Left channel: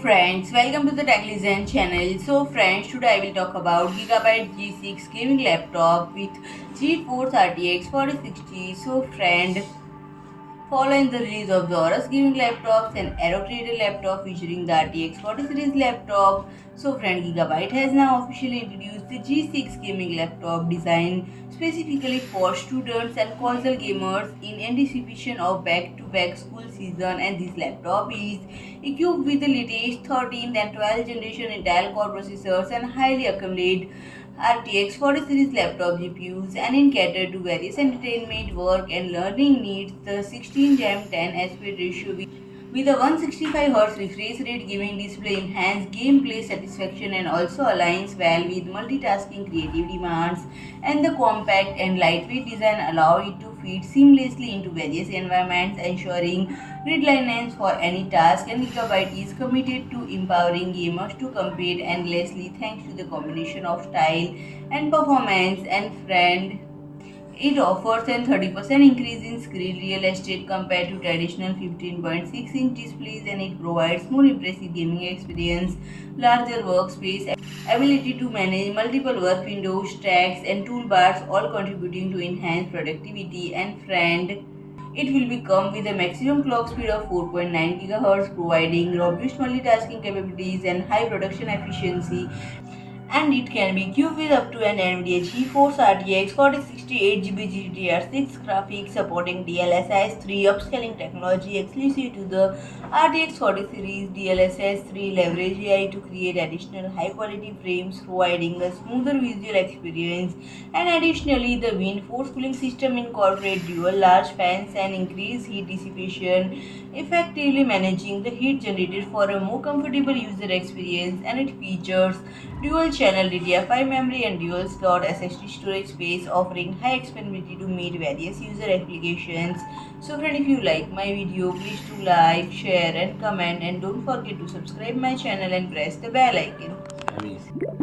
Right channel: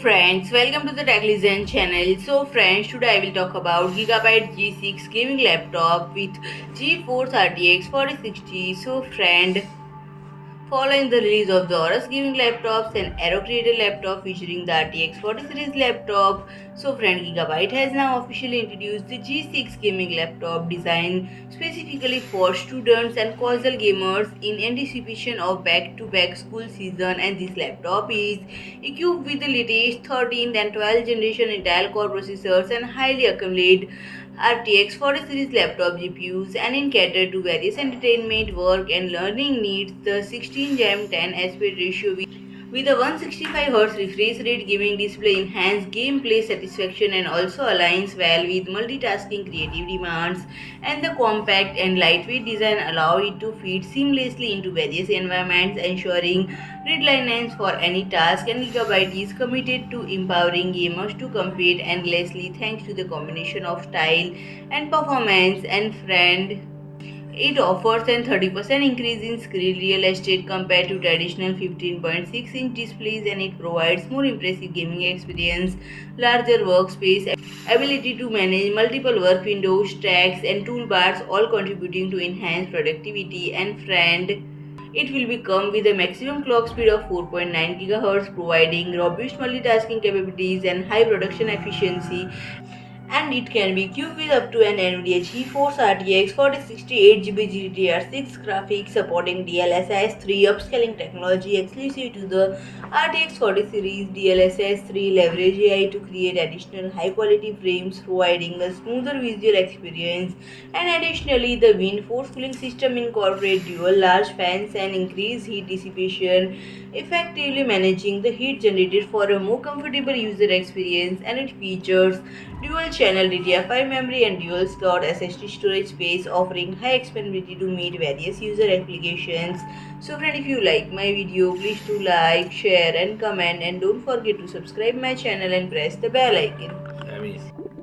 friends, welcome to the TechListen channel. So friends, today I will talk about Gigabyte G6 gaming laptop with GeForce RTX 4060. So friend, following the release of the Aorus gaming laptops and Aero created laptop featuring the RTX 40 series laptop, so friend Gigabyte has now officially introduced the G6 gaming laptop designed specifically for students and casual gamers in anticipation of back-to-back school season, and this laptop is equipped with the latest 13th and 12th generation Intel Core processors and highly accumulated RTX 40 series laptop GPUs, and in cater to various entertainment, work and learning needs. The 16 Gem 10 aspect ratio with a 165Hz refresh rate gaming display enhance gameplay satisfaction and also aligns well with multitasking creative demands, and the compact and lightweight design allow it to fit seamlessly into various environments, ensuring readiness for any task, and Gigabyte is committed to empowering gamers to compete endlessly thanks to the combination of style and performance. And friend, it offers a 30% increase in screen real estate compared to traditional 15.6-inch displays, and it provides more impressive gaming experience, larger workspace, ability to manage multiple work windows, stacks, and toolbars, all contributing to enhanced productivity. And friend, it will become with a maximum clock speed of 4.9 GHz, providing robust multitasking capabilities and high production efficiency, and it can be equipped with up to an NVIDIA GeForce RTX 4060 8GB GDDR6 graphics supporting DLSS 3 upscaling technology exclusive to the RTX 40 series. DLSS 3 leverage AI to create additional high quality frames, providing a smoother visual experience, and additionally the WindForce cooling system incorporates dual large fans and increase heat dissipation, effectively managing the heat generated for a more comfortable user experience, and it features dual channel DDR5 memory and dual slot SSD storage space, offering high expandability to meet various user applications. So friend, if you like my video, please do like, share and comment, and don't forget to subscribe my channel and press the bell icon.